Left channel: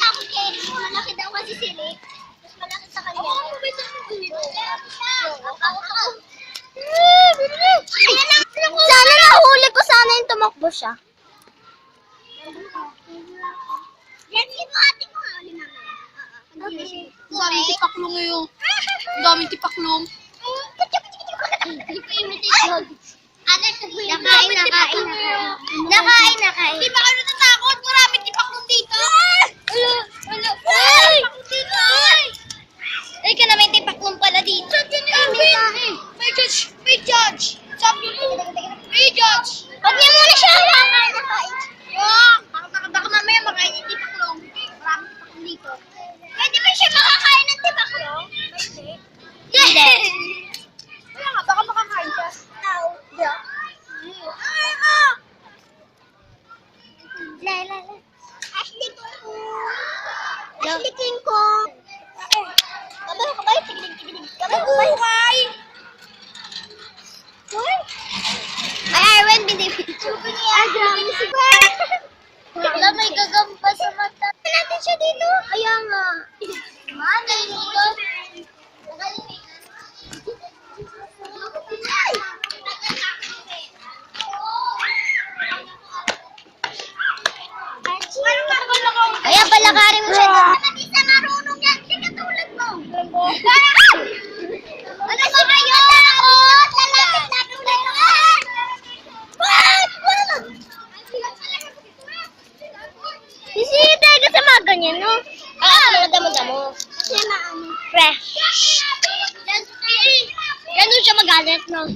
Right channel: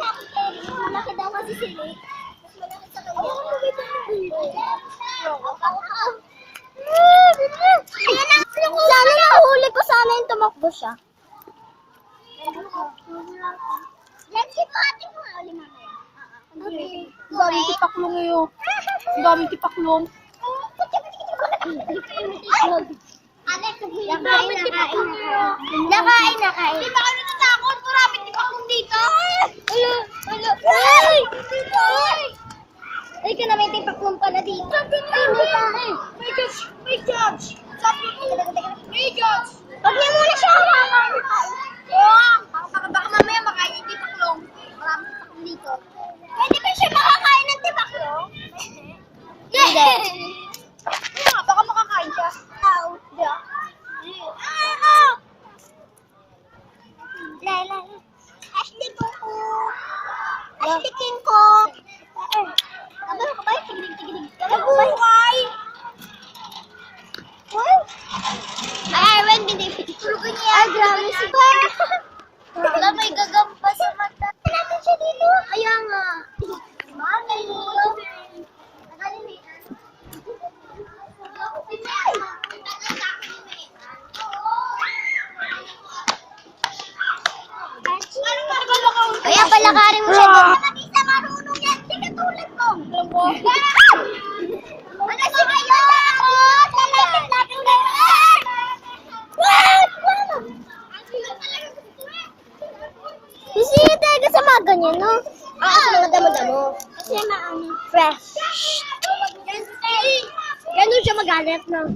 Takot kay Eric. Malaki daw kasi sila. Mas malaki sa kanya. Sana nahuli ko sana yung tumakbo siya. Let's keep ating mga uli mamaya. Okay. Ang daming tipaklong ngayon. Ang daming tipaklong. Nakain. Di ba kayo natatakot? Maraming tipaklong dito. Ay! Ay, ka na may tipaklong pala dito. Sabi ni Erwin. May judge. Sabi ni may judge. Huwag niya muna siya hawakan. Baka mamaya makain yung tipaklong. Maraming tipaklong dito. Pwede ba siya makakain ng tipaklong? Hindi. Baka makakain ka. Ashley Coco. Ashley King Kong. Kabalo ka ba? Tigilig. Nabuhay! Hoy! May Erwin, binibisugo niya. Ay, grabe si Bar. Wala, may gagamba sa mata. Natin siya dito. Kaya nga. Galing dito. Kaya palakarin mo siya doon. Hindi sa marunong yan. Hindi katulad mo. Ano ba kayo? Lalapit natin na yan. Hindi talaga sa mga ganyan, no? Talaga damo-damo. Kasi maano. Fresh. Ganun siya magalit, no?